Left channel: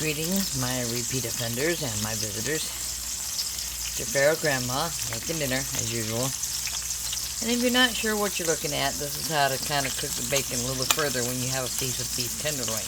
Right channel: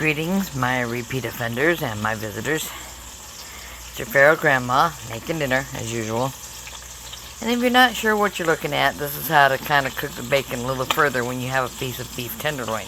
Greetings, my repeat offenders and my visitors. It's your feral grandma making dinner, as usual. And if you're not sure what you're looking at, this is how to kind of cook the bacon a little further when you have a piece of beef tenderloin.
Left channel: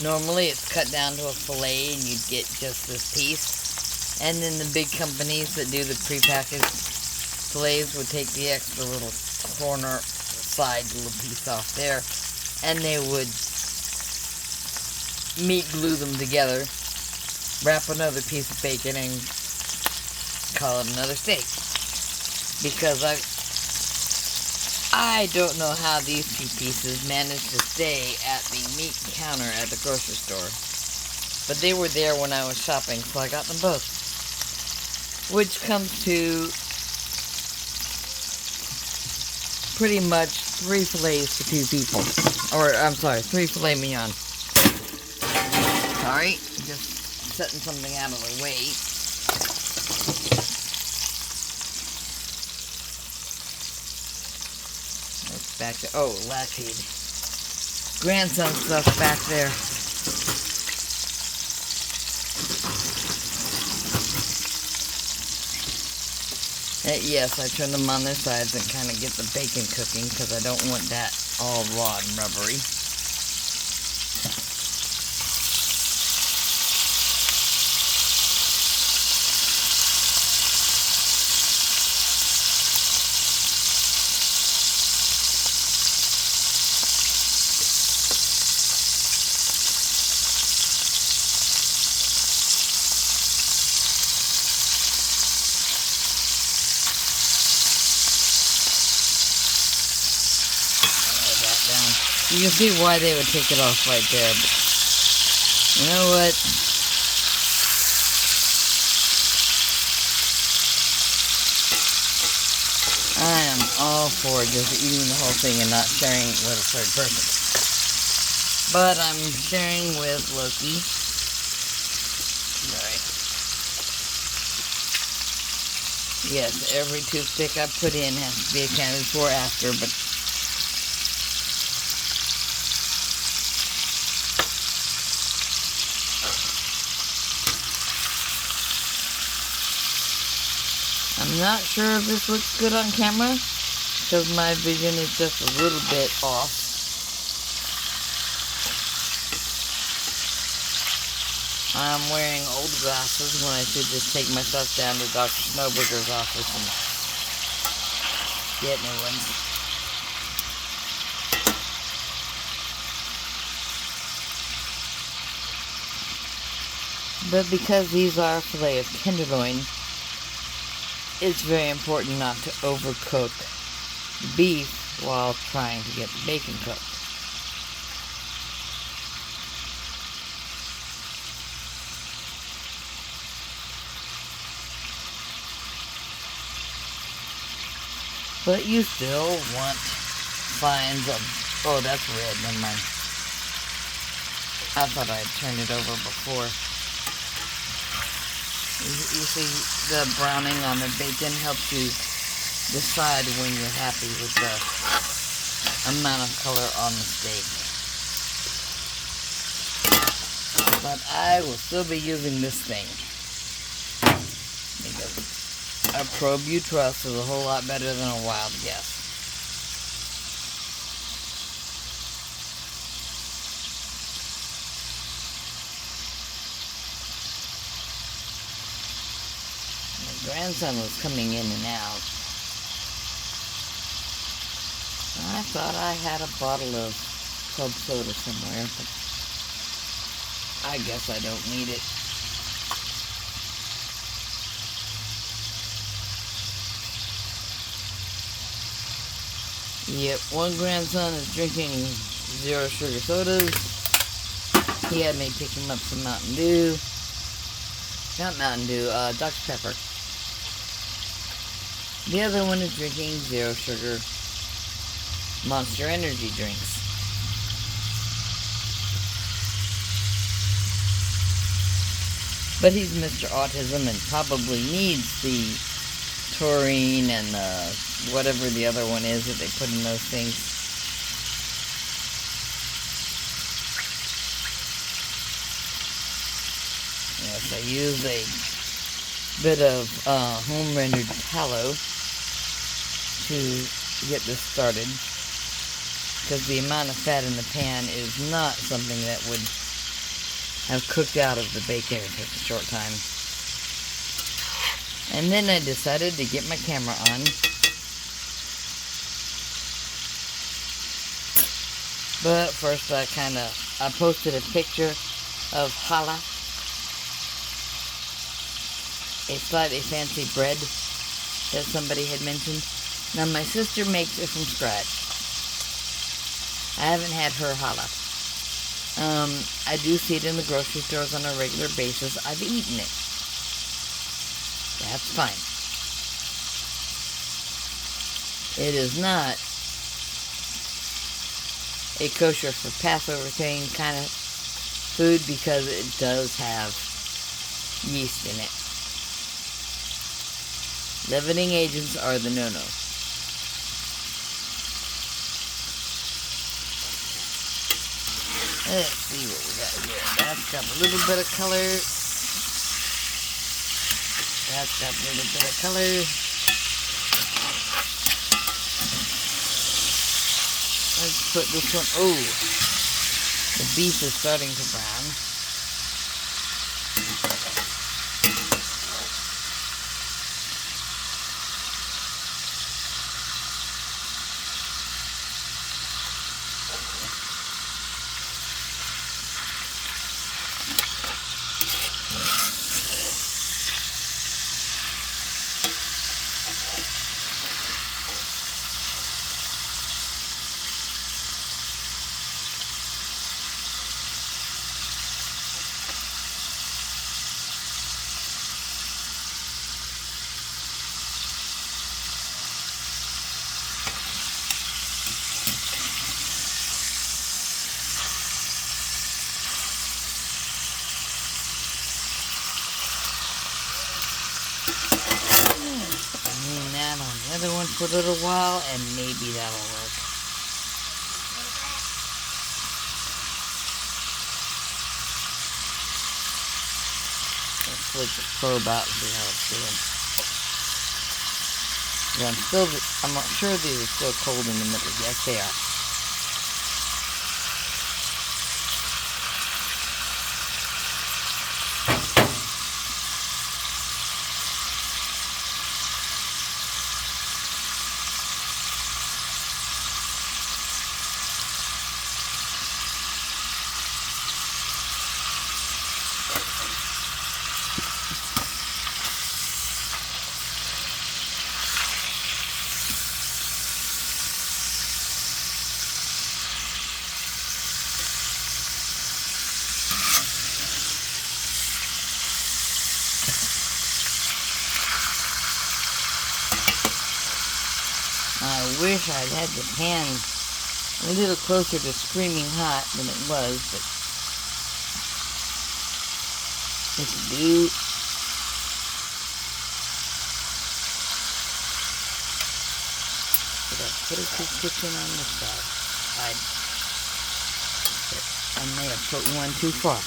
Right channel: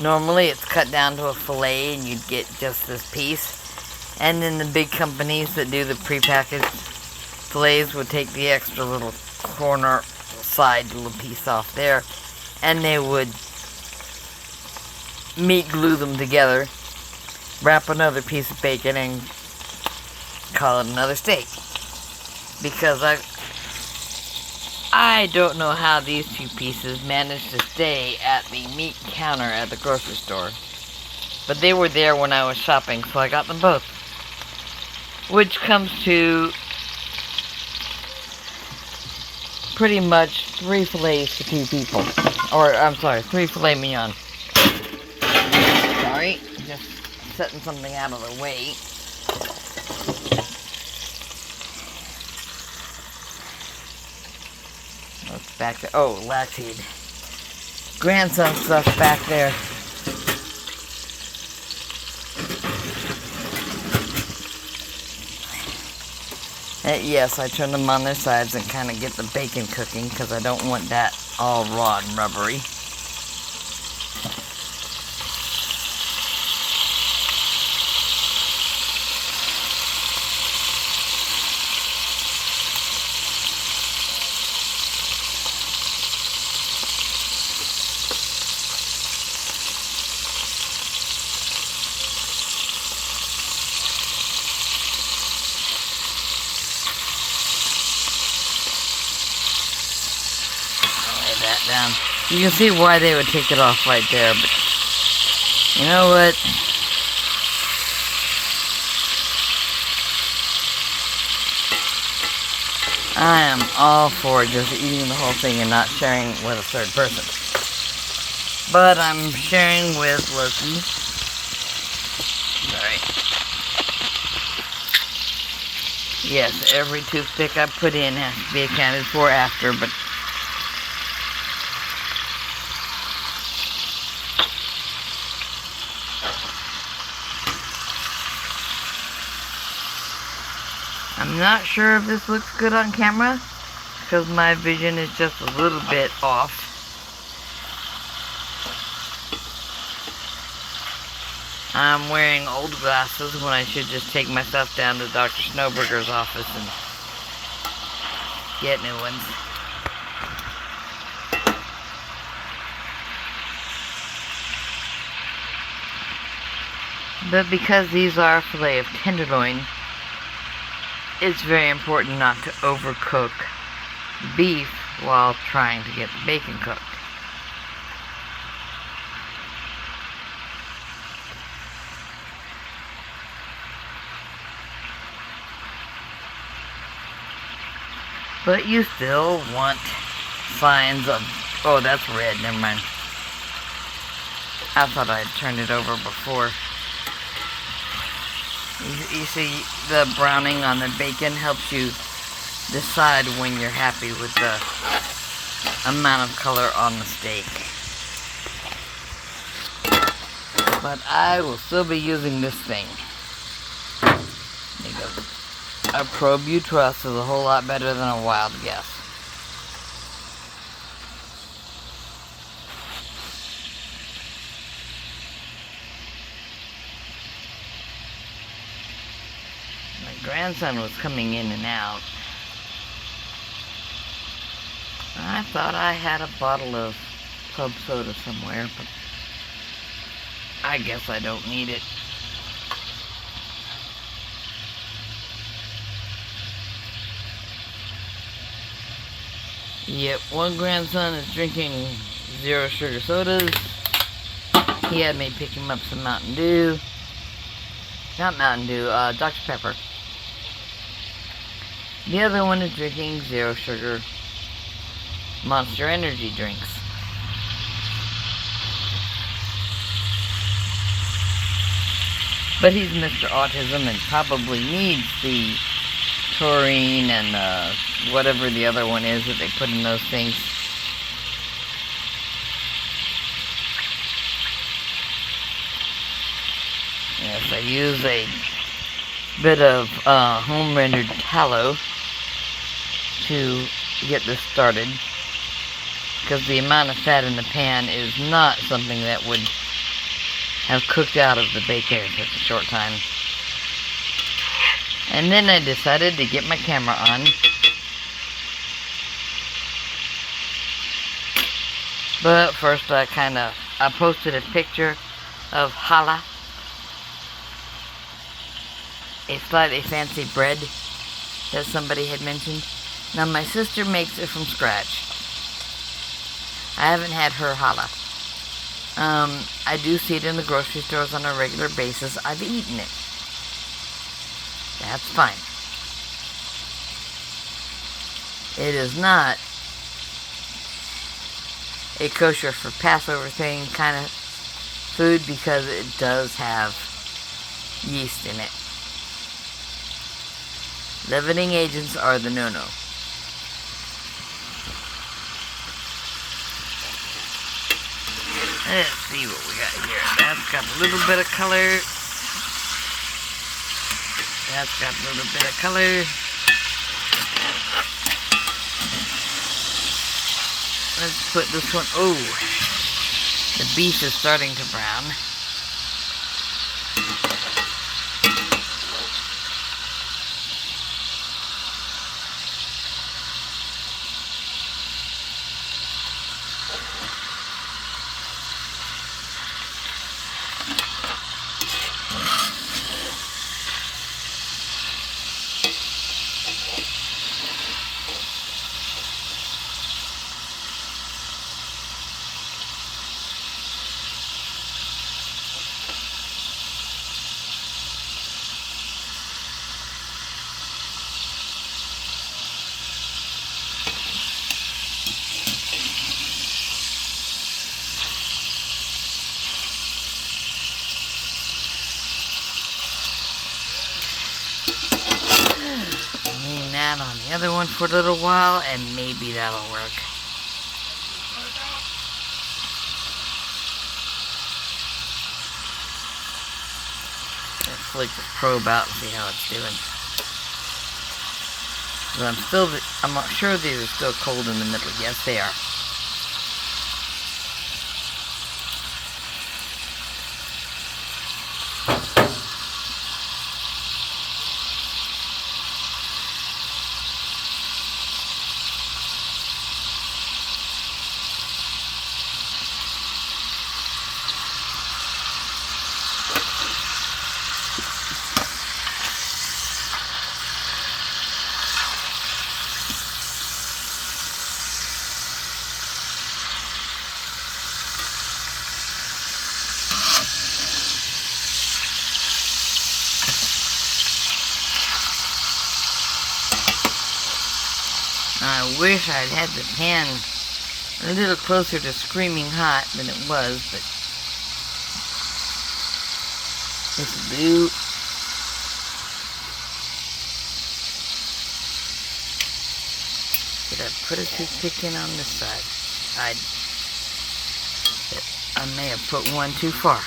Normally it's cut down to a fillet and you'd get just this piece. And then the big companies that do the prepackaged fillets would take the extra little corner side little piece off there, and they would meat glue them together, wrap another piece of bacon, and call it another steak. Because I don't know how these two pieces managed to stay at the meat counter at the grocery store, but they were there when I was shopping, so I got them both. Which comes to pretty much 3 fillets for 2 people. Or, I'm sorry, 3 filet mignon. Sorry, just setting something out of the way. What's back there? Oh, lactate. Grandson stuff's back there. Yes, I turn them on their sides and kind of get the bacon cooking because I don't want that all raw and rubbery. Down. You can see why they would take it off right there, but you know what? I am all for just eating the whole thing and not sharing with a third person. But I'm sharing with Loki. Sorry. Yes, every toothpick I put in has to be accounted for after, but I'm not sure if this looks good on camera, because my vision is just a little bit off. I'm wearing old glasses when I should just take myself down to Dr. Snowburger's office and get new ones. But because these are filet of tenderloin, it's very important not to overcook beef while trying to get the bacon cooked. But you still want signs of... Oh, that's red. Never mind. I thought I'd turned it over before. You see, the browning on the bacon helps you decide when you're happy with the amount of color on the steak. But I will still be using this thing. Because a probe you trust is a whole lot better than a wild guess. Grandson was coming in and out. I thought I had a bottle of club soda somewhere, but I guess I don't need it. Yep, one grandson is drinking 0 sugar sodas. He had me pick him up some Mountain Dew. Not Mountain Dew, Dr. Pepper. The other one is drinking 0 sugar Monster Energy drinks. But he's Mr. Autism and probably needs the taurine and whatever the other one is that they put in those things. this. I use a bit of home rendered tallow to get this started, because the amount of fat in the pan is not something that would have cooked out of the bacon in such a short time. And then I decided to get my camera on. But first I posted a picture of challah, a slightly fancy bread that somebody had mentioned. Now my sister makes it from scratch. I haven't had her challah. I do see it in the grocery stores on a regular basis. I've eaten it. That's fine. It is not a kosher for Passover thing kind of food because it does have yeast in it. Leavening agents are the no-no. Let's see what we got here. That's got a little bit of color. That's got a little bit of color. Let's put this one. Oh, the beef is starting to brown. On the other one for a little while, and maybe that'll work. Let's flick the probe out and see how it's doing. 'Cause I'm not sure these are still cold in the middle. Yes, they are. I wish I'd had the pan a little closer to screaming hot than it was, but this'll do. Did I put a toothpick in on this side? I may have put one too far.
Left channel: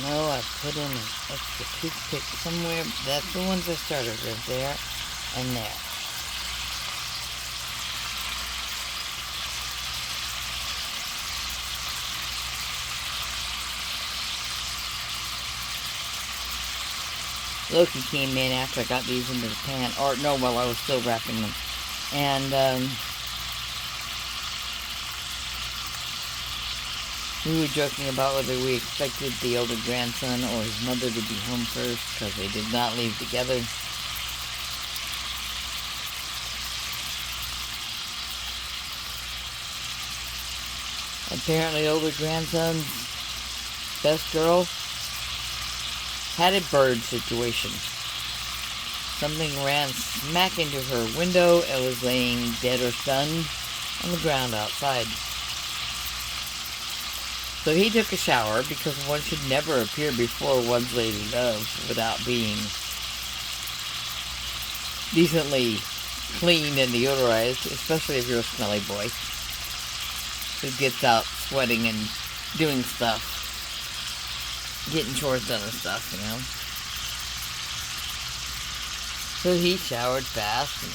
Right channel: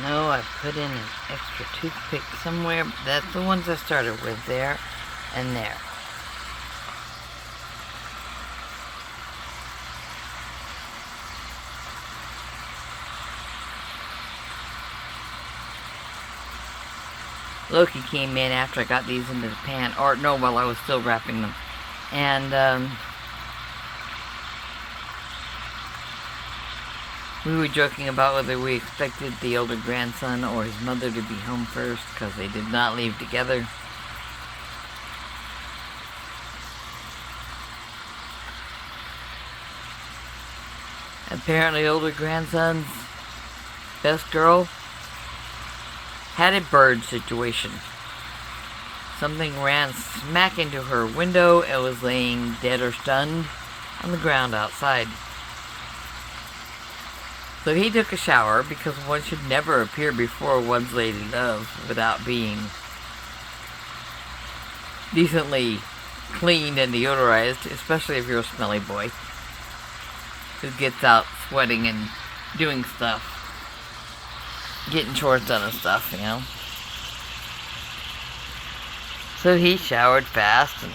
No, I put in an extra toothpick somewhere. That's the ones I started with, there and there. Loki came in after I got these into the pan, or no, while I was still wrapping them. And We were joking about whether we expected the older grandson or his mother to be home first, because they did not leave together. Apparently, older grandson's best girl had a bird situation. Something ran smack into her window and was laying dead or stunned on the ground outside. So he took a shower, because one should never appear before one's lady love without being decently cleaned and deodorized, especially if you're a smelly boy who gets out sweating and doing stuff, getting chores done and stuff, you know. So he showered fast and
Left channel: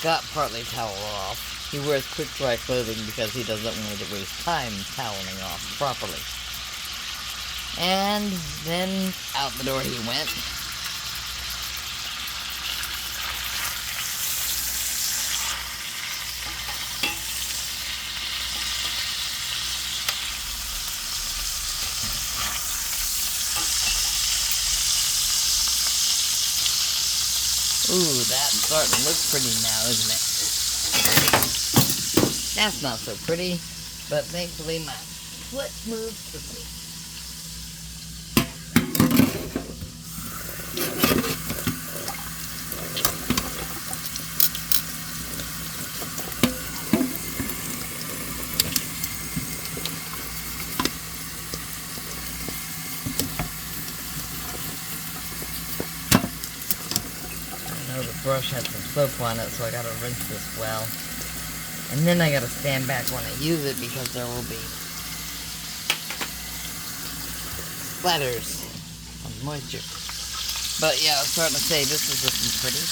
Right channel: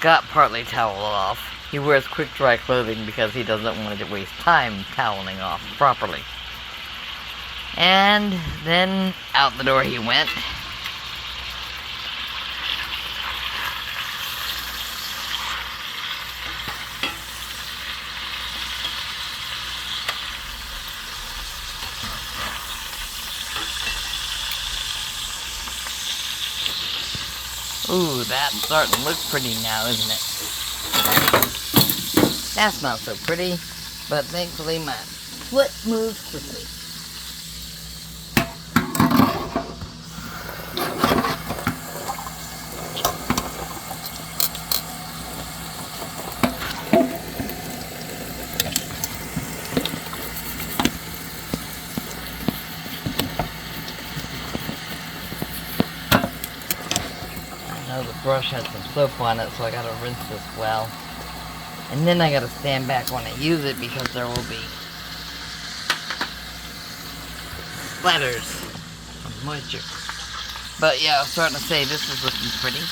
got partly toweled off. He wears quick dry clothing because he doesn't want to waste time toweling off properly. And then out the door he went. Ooh, that's starting to look pretty now, isn't it? That's not so pretty, but thankfully my foot moves quickly. The brush has some soap on it, so I gotta rinse this well. And then I gotta stand back when I use it, because there will be splatters of moisture. But yeah, I was starting to say this is looking pretty.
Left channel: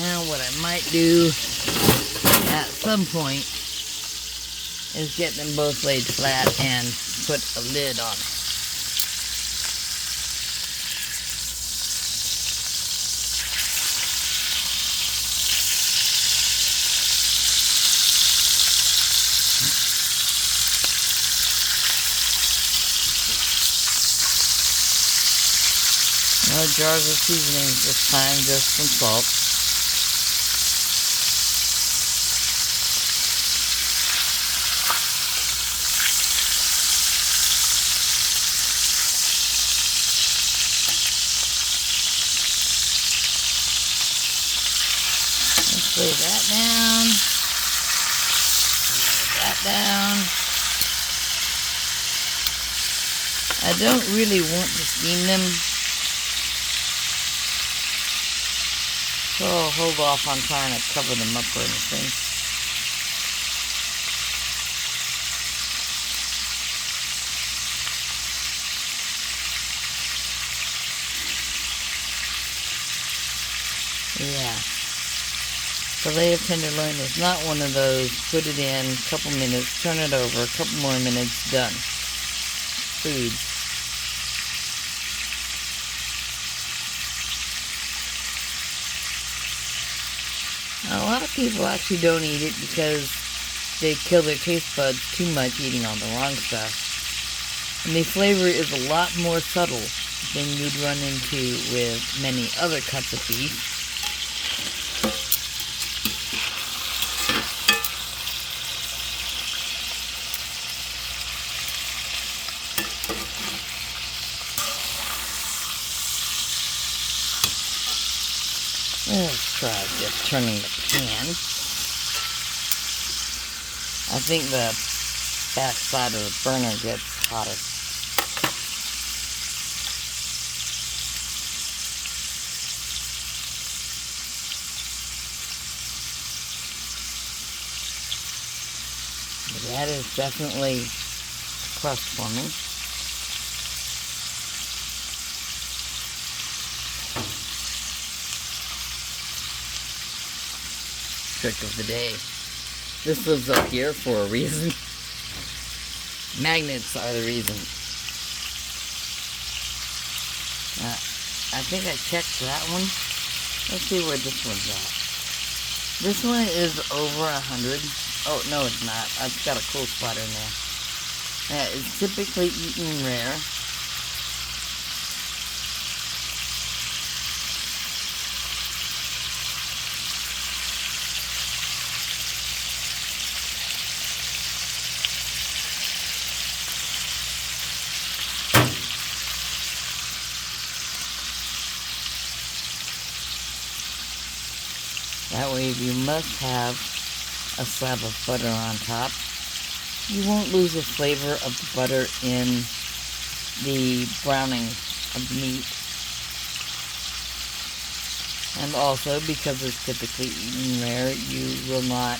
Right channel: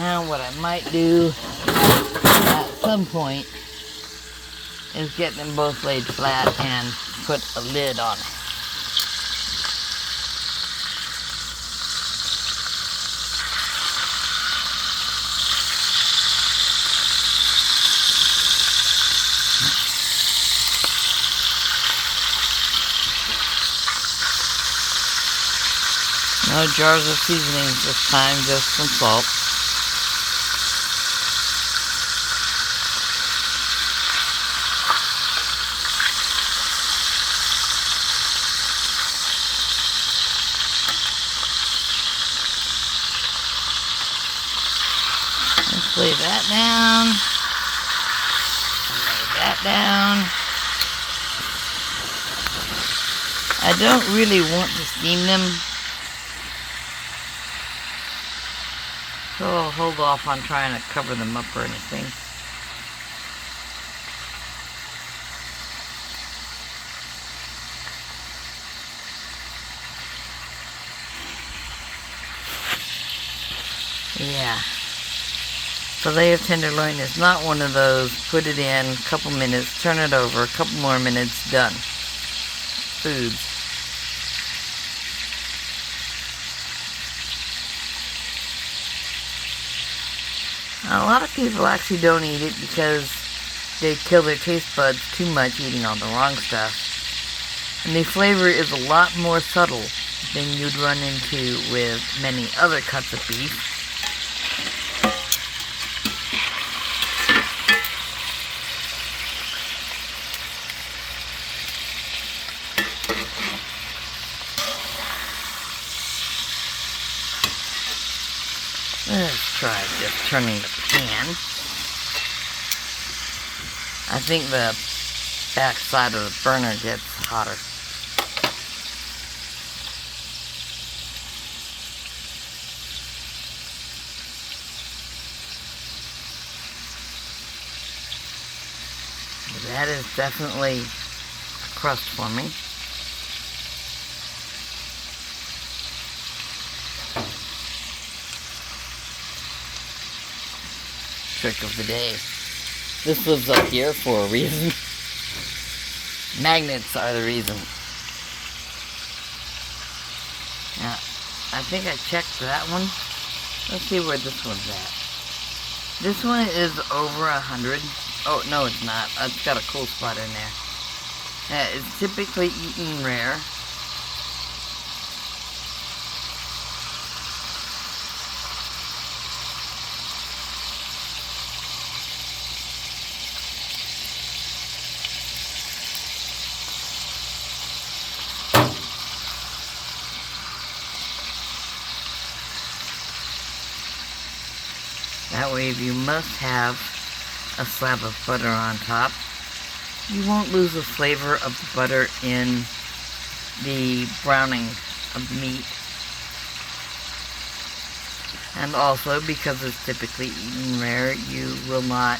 And what I might do at some point is get them both laid flat and put a lid on it. No jars of seasonings this time, just some salt. Let's lay that down. Lay that down. I don't really want to steam them, so I'll hold off on trying to cover them up or anything. Yeah. Fillet of tenderloin is not one of those, put it in, couple minutes, turn it over, a couple more minutes, done. Foods. A lot of people actually don't eat it because they kill their taste buds too much eating all the wrong stuff. And the flavor is a lot more subtle than you'd run into with many other cuts of beef. Let's try just turning the pan. I think the back side of the burner gets hotter. But that is definitely a crust for me. Trick of the day. This lives up here for a reason. Magnets are the reason. Now, I think I checked that one. Let's see where this one's at. This one is over 100. Oh, no, it's not. It's got a cool spot in there. It's typically eaten rare. That way, if you must have a slab of butter on top, you won't lose the flavor of the butter in the browning of the meat. And also, because it's typically eaten rare, you will not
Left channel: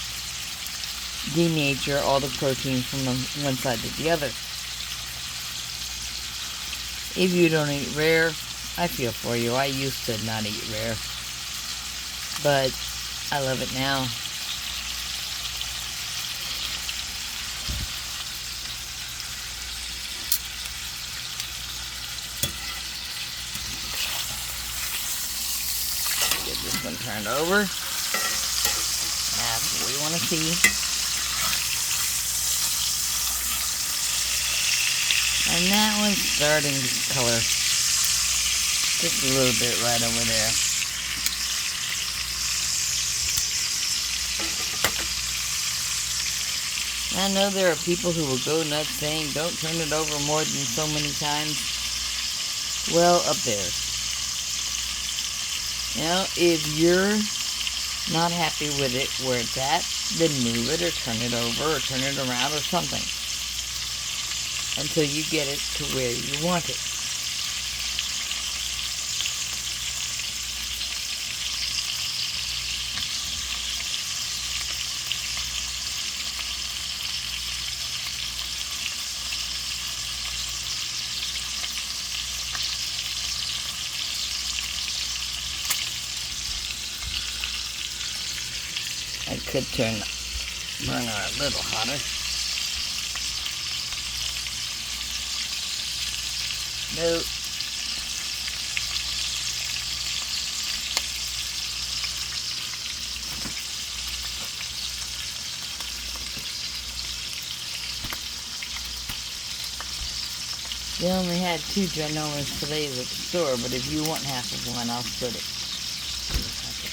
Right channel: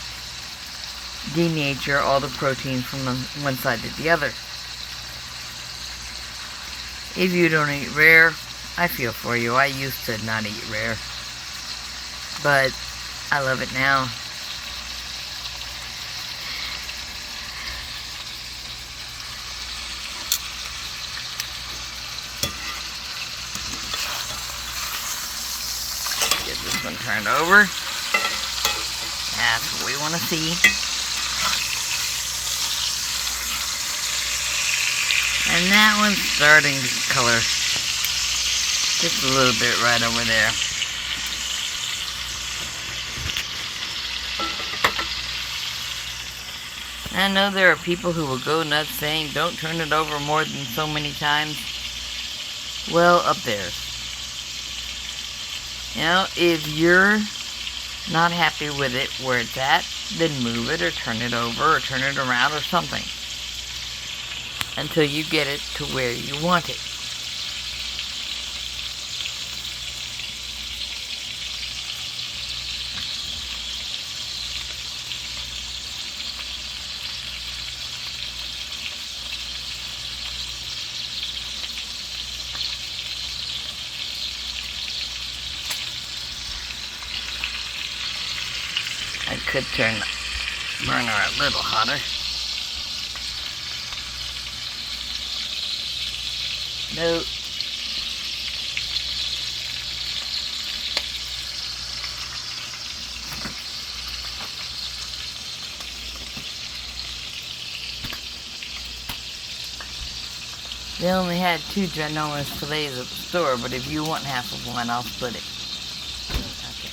denature all the protein from one side to the other. If you don't eat rare, I feel for you. I used to not eat rare, but I love it now. Get this one turned over. That's what we want to see. And that one's starting to color. Just a little bit right over there. I know there are people who will go nuts saying, don't turn it over more than so many times. Well, up there. You know, if you're not happy with it where it's at, then move it or turn it over or turn it around or something. Until you get it to where you want it. I could turn the burner a little hotter. No. They only had 2 ginormous fillets at the store, but if you want half of one, I'll split it. Okay.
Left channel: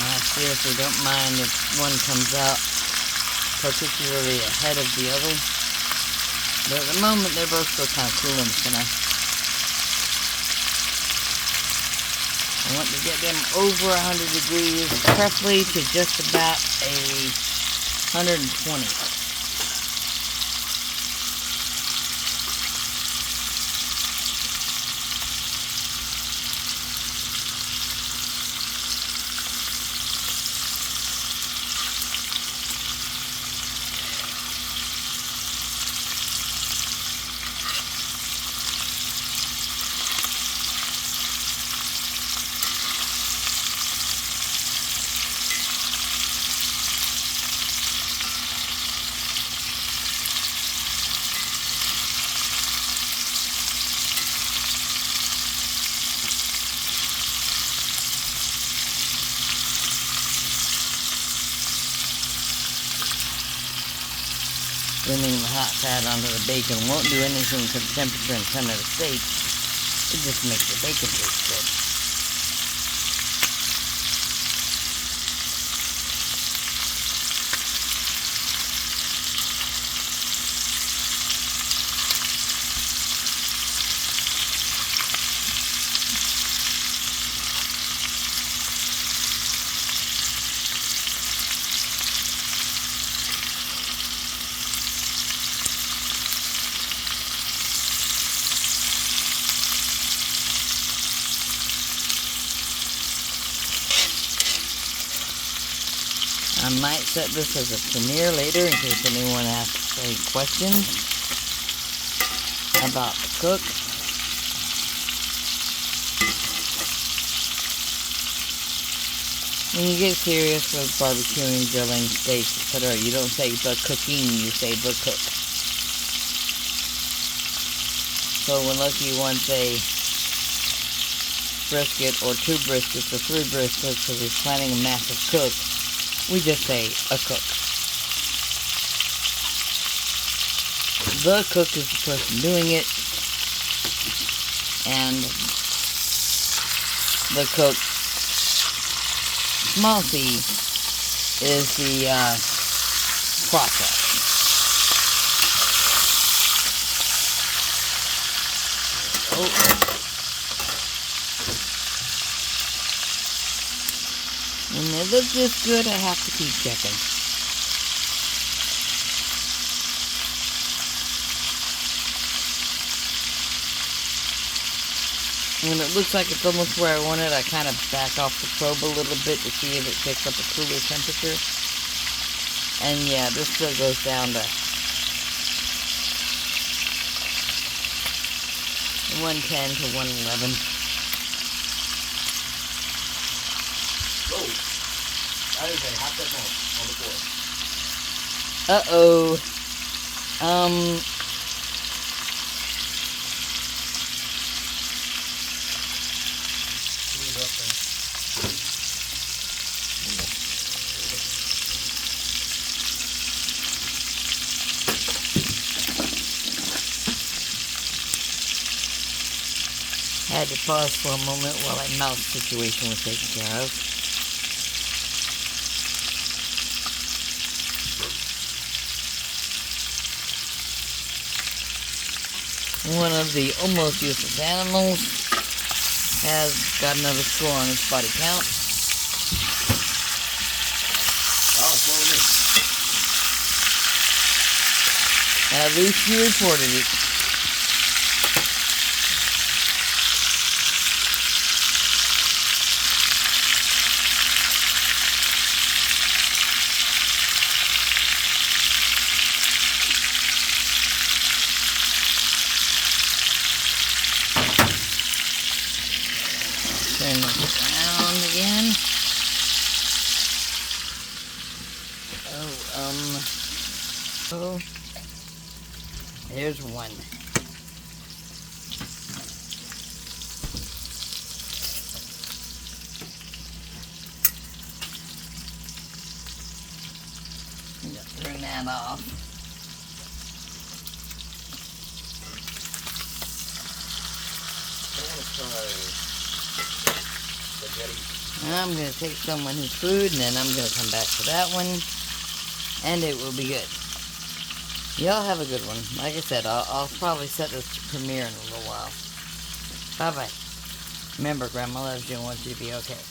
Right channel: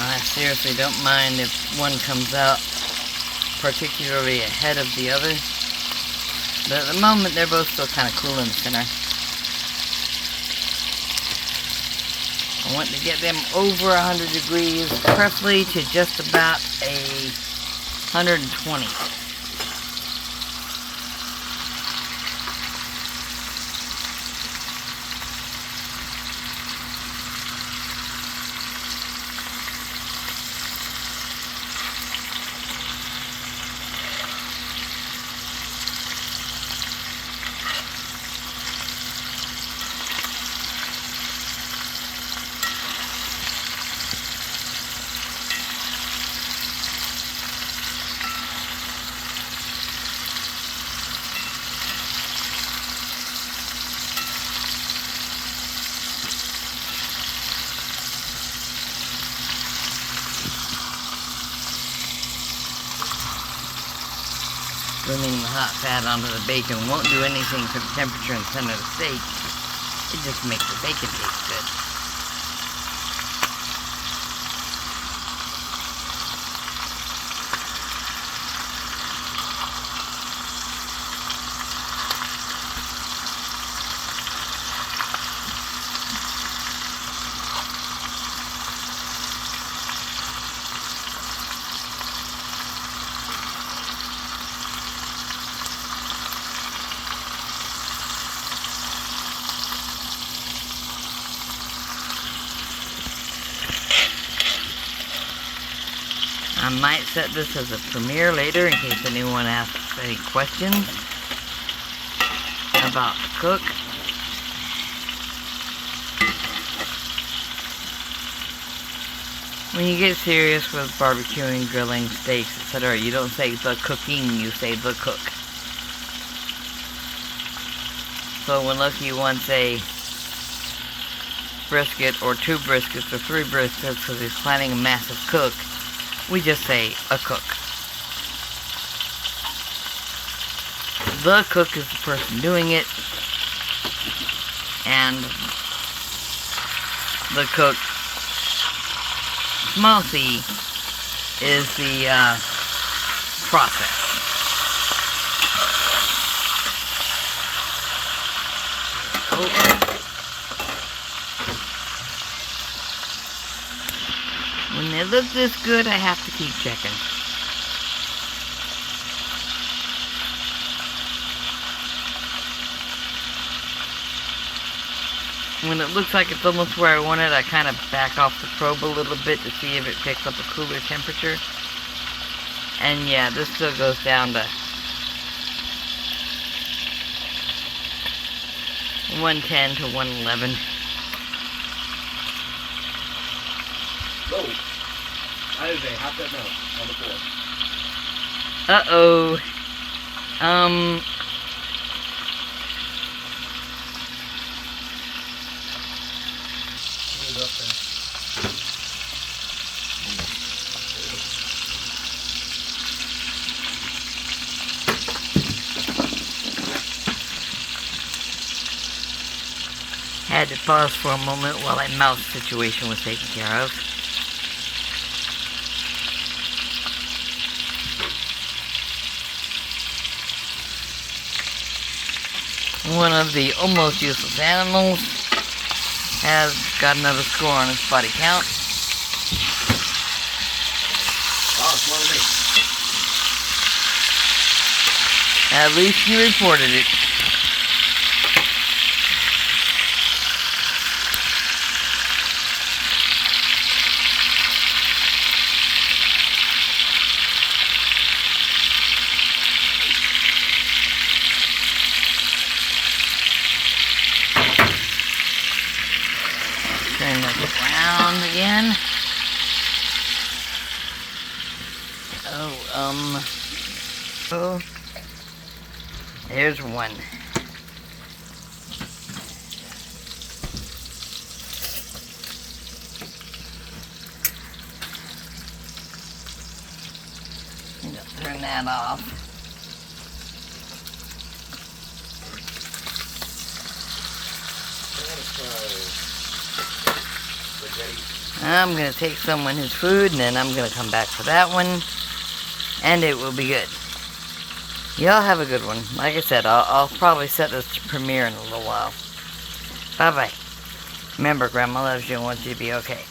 I seriously don't mind if one comes out particularly ahead of the other. But at the moment, they're both still kind of cool in the center. I want to get them over 100 degrees, preferably to just about 120. Burning the hot fat onto the bacon won't do anything to the temperature and center of the steak. It just makes the bacon taste good. I might set this as a premiere later in case anyone asks any questions about the cook. When you get serious with barbecuing, grilling, steaks, etc., you don't say the cooking, you say the cook. So when Loki wants a brisket or 2 briskets or 3 briskets because he's planning a massive cook, we just say a cook. The cook is the person doing it, and the cook, small c, is the process. Oh. When they look this good, I have to keep checking. When it looks like it's almost where I want it, I kind of back off the probe a little bit to see if it picks up a cooler temperature. And yeah, this still goes down to 110 to 111. Oh, that is a half that mouse on the floor. Uh-oh. Had to pause for a moment while a mouse situation was taken care of. One of the almost useless animals has got another score on its body count. Oh, it's one of me. At least you reported it. Turn this around again. Oh, there's one. Just turn that off. I want to try spaghetti. I'm going to take someone his food, and then I'm going to come back for that one, and it will be good. Y'all have a good one. Like I said, I'll probably set this to premiere in a little while. Bye-bye. Remember, Grandma loves you and wants you to be okay.